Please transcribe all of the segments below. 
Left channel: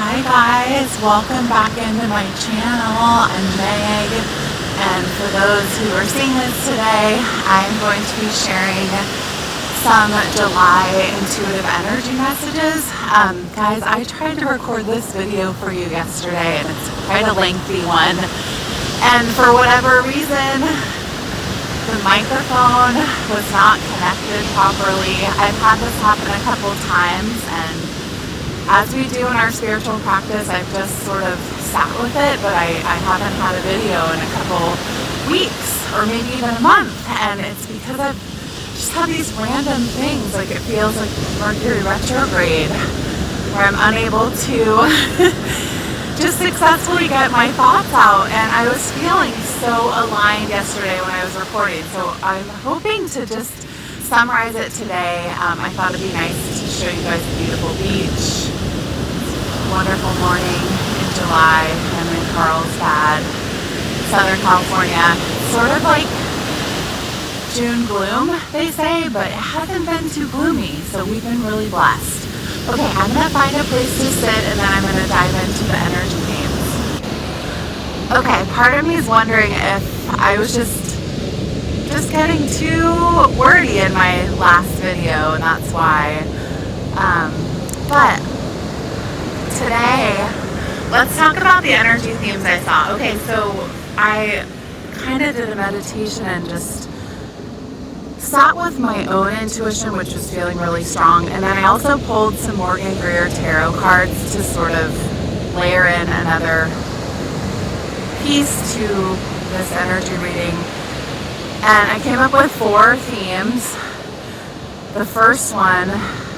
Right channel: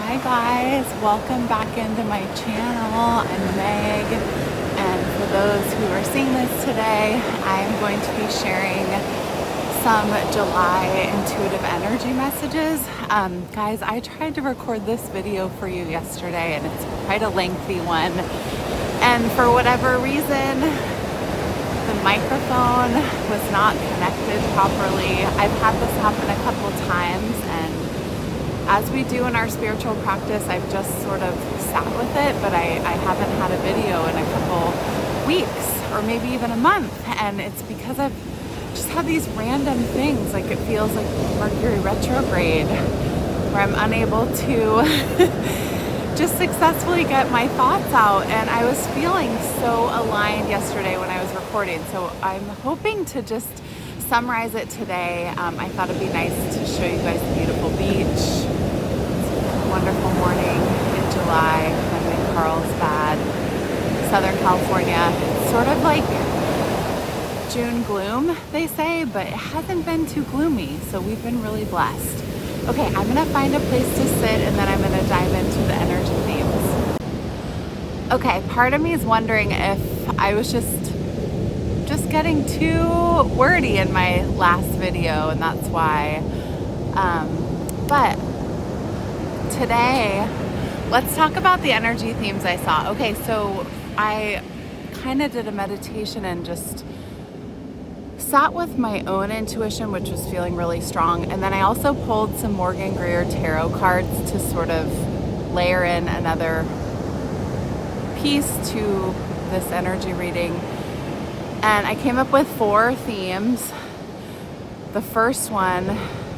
Hi guys, welcome back into my channel. I'm Meg, and for those who are seeing this today, I'm going to be sharing some July intuitive energy messages. Guys, I tried to record this video for you yesterday and it's quite a lengthy one, and for whatever reason the microphone was not connected properly. I've had this happen a couple times, and as we do in our spiritual practice, I've just sort of sat with it, but I haven't had a video in a couple weeks or maybe even a month, and it's because I've just had these random things, like it feels like Mercury retrograde, where I'm unable to just successfully get my thoughts out, and I was feeling so aligned yesterday when I was recording, so I'm hoping to just summarize it today. I thought it'd be nice to show you guys a beautiful beach. Wonderful morning in July. I'm in Carlsbad, Southern California. Sort of like June gloom, they say, but it hasn't been too gloomy, so we've been really blessed. Okay, I'm going to find a place to sit, and then I'm going to dive into the energy themes. Okay, part of me is wondering if I was just getting too wordy in my last video, and that's why. But today, let's talk about the energy themes I saw. Okay, so I kind of did a meditation and just sat with my own intuition, which was feeling really strong, and then I also pulled some Morgan Greer Tarot cards to sort of layer in another piece to this energy reading. And I came up with 4 themes. The first one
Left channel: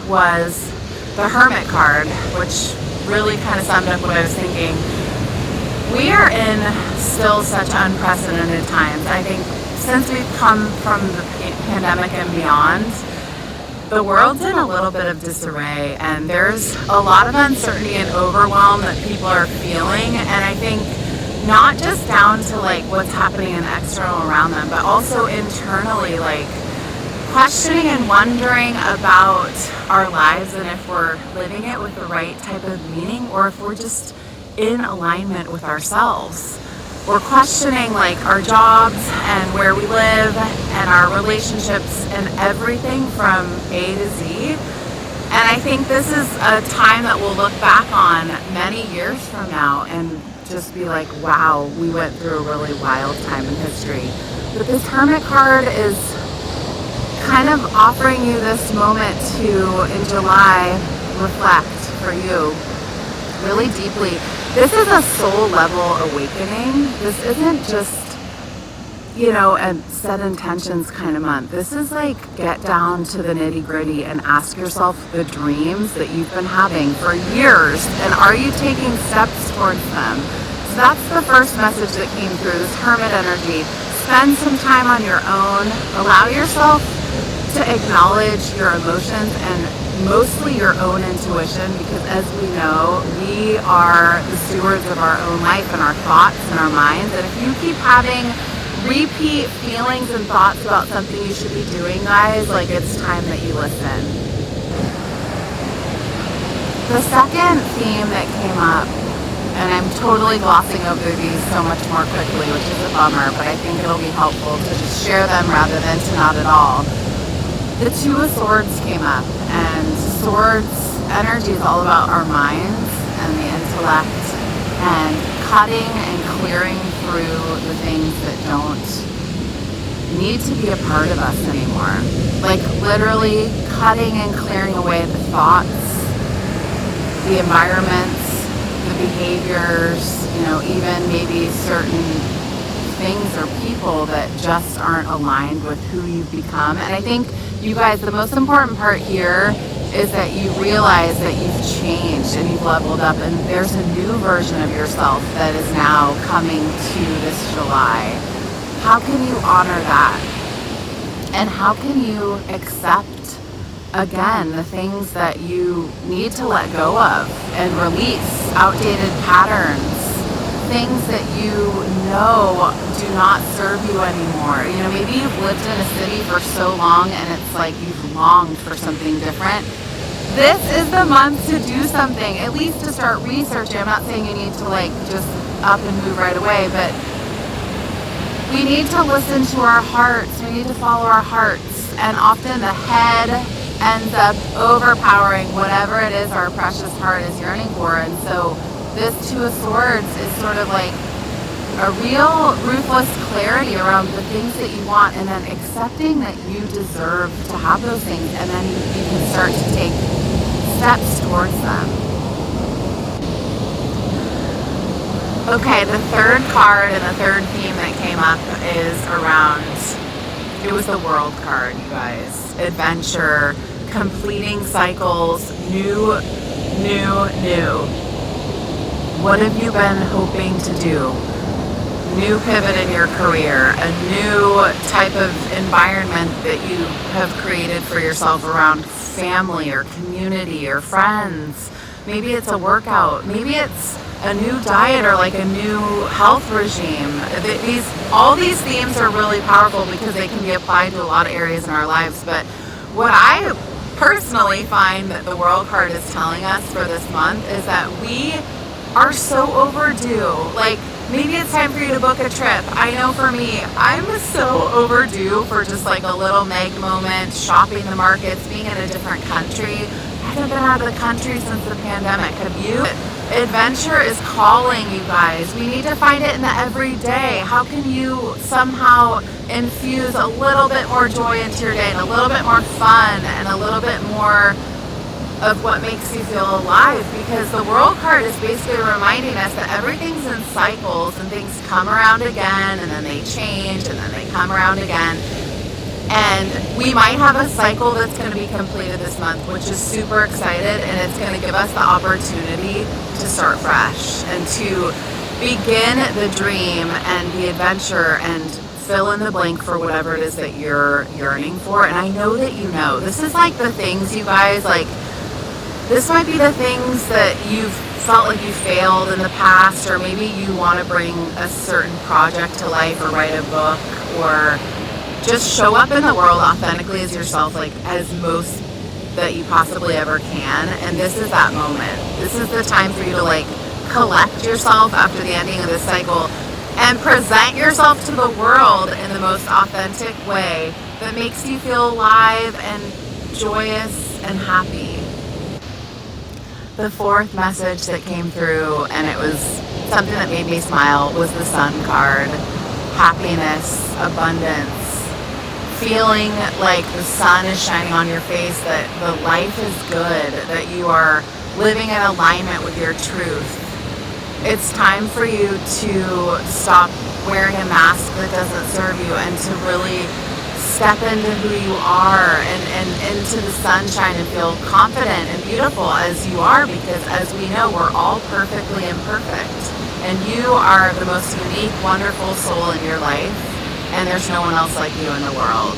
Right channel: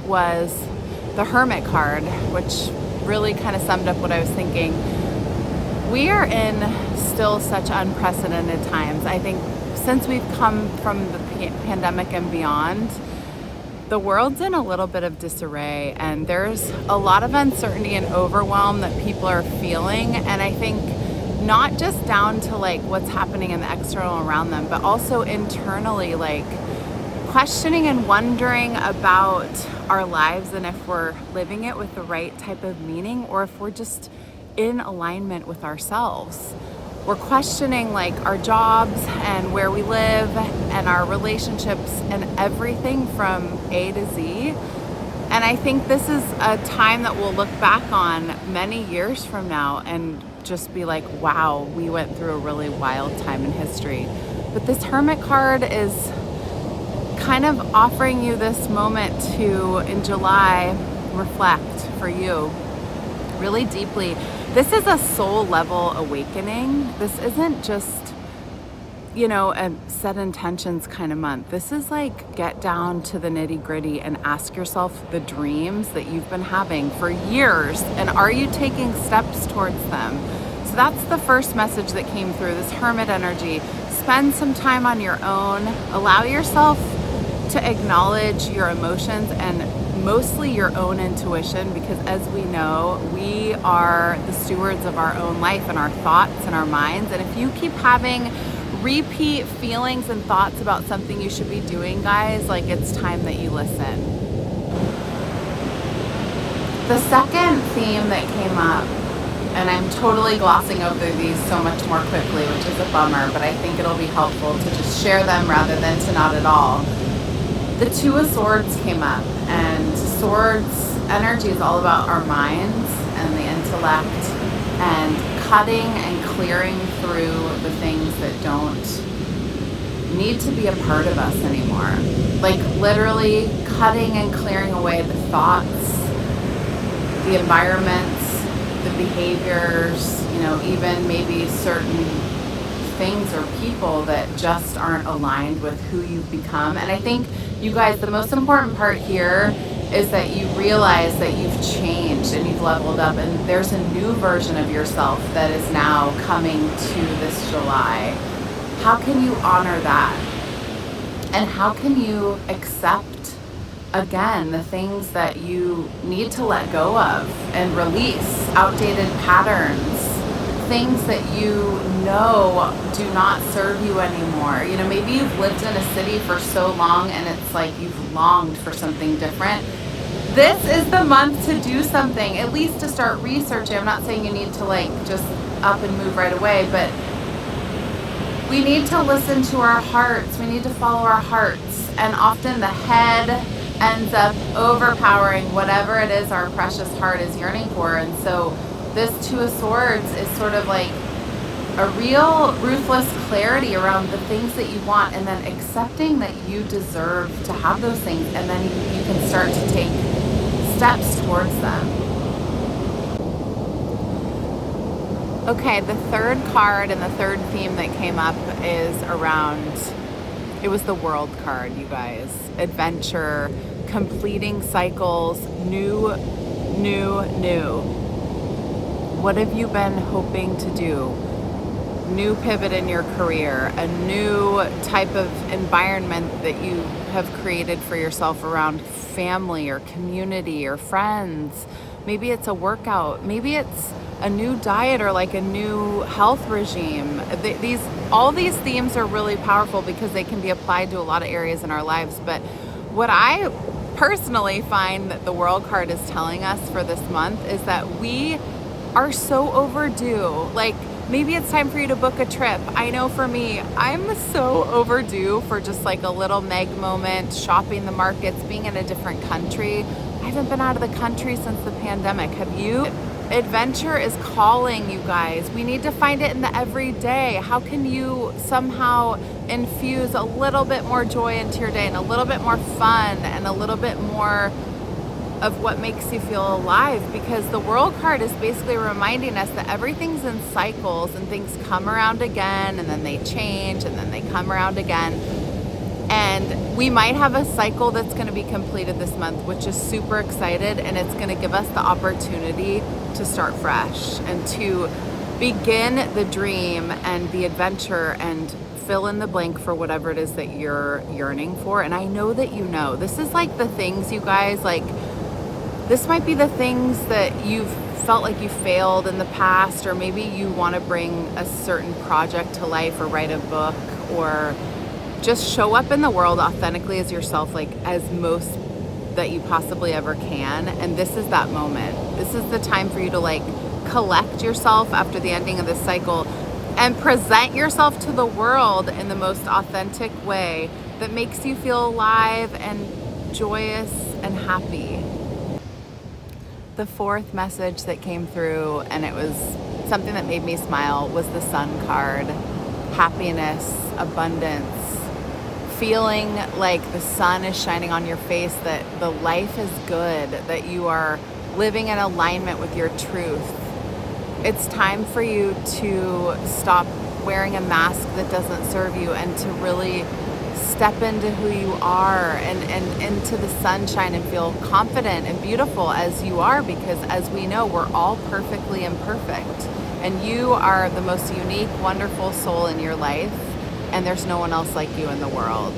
was the Hermit card, which really kind of summed up what I was thinking. We are in still such unprecedented times. I think since we've come from the pandemic and beyond, the world's in a little bit of disarray, and there's a lot of uncertainty and overwhelm that people are feeling, and I think not just down to like what's happening in external around them, but also internally, like questioning and wondering about our lives and if we're living it with the right type of meaning or if we're just in alignment with ourselves. We're questioning like our jobs and where we live and our relationships and everything from A to Z. And I think this is a time that we'll look back on many years from now and just be like, wow, we went through a really wild time in history. But this Hermit card is kind of offering you this moment to, in July, reflect for you really deeply. This is a soul level awakening. This isn't just, a set intentions kind of month. This is like get down to the nitty gritty and ask yourself the dreams that you've been having for years, and are you taking steps towards them? So that's the first message that came through, this Hermit energy. Spend some time on your own. Allow yourself to acknowledge your emotions and mostly your own intuition, because as we know, we are the stewards of our own life and our thoughts and our minds. And if you keep having repeat feelings and thoughts about something you should be doing, guys, like it's time that you listen. The second theme that came up, and I'm totally glossing over these so much more quickly, which is a bummer, but I think it'll be helpful to just share them rather than to not at all. The Two of Swords came up, and swords energy is all about our minds and the intellect and cutting and clearing through the things that don't need to be a part of us anymore. Like literally cutting and clearing away the thoughts, the environments, the behaviors, even maybe certain things or people that just aren't aligned with who you've become. And I think, you guys, the most important part here is that you realize that you've changed and you've leveled up, and there's a new version of yourself that is now coming to this July. How can you honor that? And how can you accept, again, the things that you need to let go of and release, outdated patterns, things that you know do not serve you anymore. Maybe you've lived in a city for so long and it's like you've longed for something different. this is the month to do something, at least to start researching. I'm not saying you need to like just up and move right away, but we need to listen to our hearts. We need to follow our hearts. And often the head ends up overpowering whatever it is our precious heart is yearning for. And so this Two of Swords is sort of like a real ruthless clarity around the things that you want, and then accepting that you deserve to have those things, and then you can start to take steps towards them. Okay, the third card and the third theme that came up is around, it was the World card, you guys. Adventure, completing cycles, new. What have you been hoping to do? New pivot in your career, a new type of environment that you have created for yourself around family or community or friends. Maybe it's a workout. Maybe it's a new diet or like a new health regime. All these themes are really powerful because they can be applied to a lot of areas in our lives. But what I personally find that the World card is telling us for this month is that we are so overdue. Like, maybe it's time for you to book a trip. I know for me, I'm so overdue for just like a little Meg moment, shopping the markets, being in a different country. I haven't been out of the country since the pandemic. Have you? Adventure is calling, you guys. We need to find it in the everyday. How can you somehow infuse a little bit more joy into your day and a little bit more fun and a little bit more of what makes you feel alive? Because the World card is basically reminding us that everything's in cycles and things come around again and then they change and then they come around again. And we might have a cycle that's going to be completed this month, which is super excited, and it's going to give us the opportunity to start fresh and to begin the dream and the adventure and fill in the blank for whatever it is that you're yearning for. And I know that you know. This is like the things, you guys, like, this might be the things that you've felt like you failed in the past, or maybe you want to bring a certain project to life or write a book or just show up in the world authentically as yourself, like as most that you possibly ever can. And this is that moment. This is the time for you to like collect yourself after the ending of this cycle and present yourself to the world in the most authentic way that makes you feel alive and joyous and happy. The fourth message that came through, and it was something that made me smile, was the Sun card. Happiness, abundance, feeling like the sun is shining on your face, that the life is good, that you are living in alignment with your truth. It's time for you to stop wearing a mask that doesn't serve you and to really step into who you are and into the sunshine and feel confident and beautiful as you are, because as we know, we're all perfectly imperfect. And you are the most unique, wonderful soul in your life, and there's no one else like you in the world.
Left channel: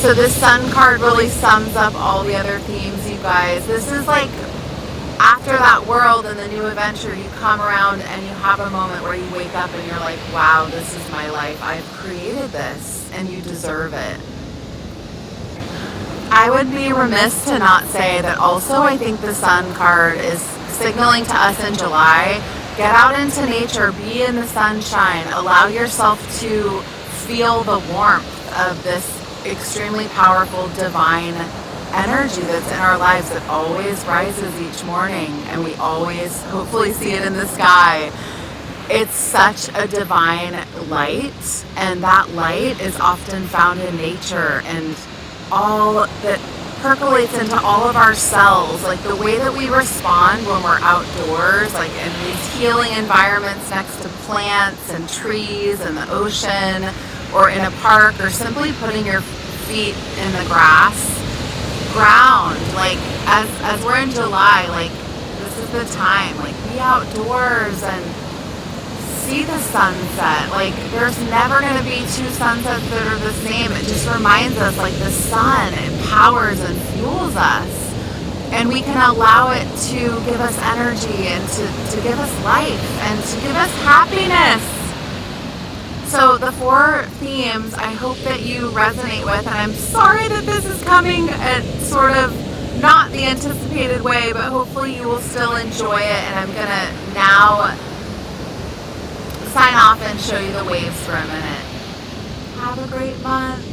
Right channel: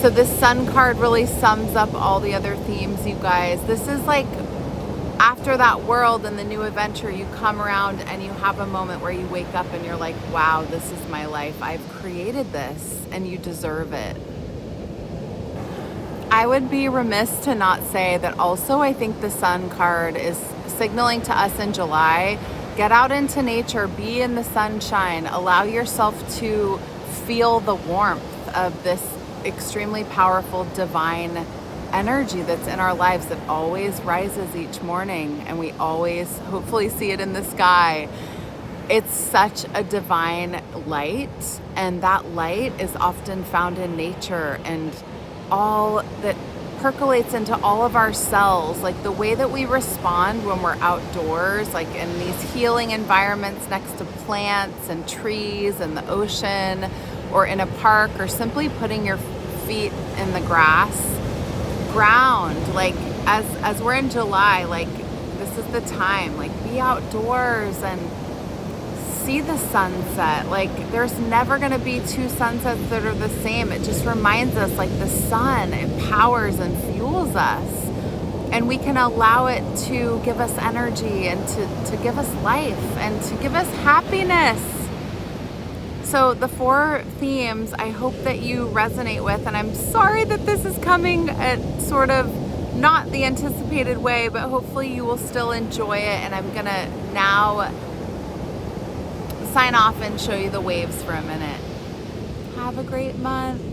So this Sun card really sums up all the other themes, you guys. This is like, after that world and the new adventure, you come around and you have a moment where you wake up and you're like, wow, this is my life. I've created this, and you deserve it. I would be remiss to not say that also I think the Sun card is signaling to us in July, get out into nature, be in the sunshine, allow yourself to feel the warmth of this extremely powerful divine energy that's in our lives that always rises each morning, and we always hopefully see it in the sky. It's such a divine light, and that light is often found in nature, and all that percolates into all of our cells, like the way that we respond when we're outdoors, like in these healing environments next to plants and trees and the ocean, or in a park, or simply putting your feet in the ground, like as we're in July, like this is the time, like be outdoors and see the sunset. Like there's never going to be two sunsets that are the same. It just reminds us, like the sun empowers and fuels us, and we can allow it to give us energy and to give us life and to give us happiness. So the four themes I hope that you resonate with, and I'm sorry that this is coming at sort of not the anticipated way, but hopefully you will still enjoy it. And I'm going to now sign off and show you the waves for a minute. Have a great month.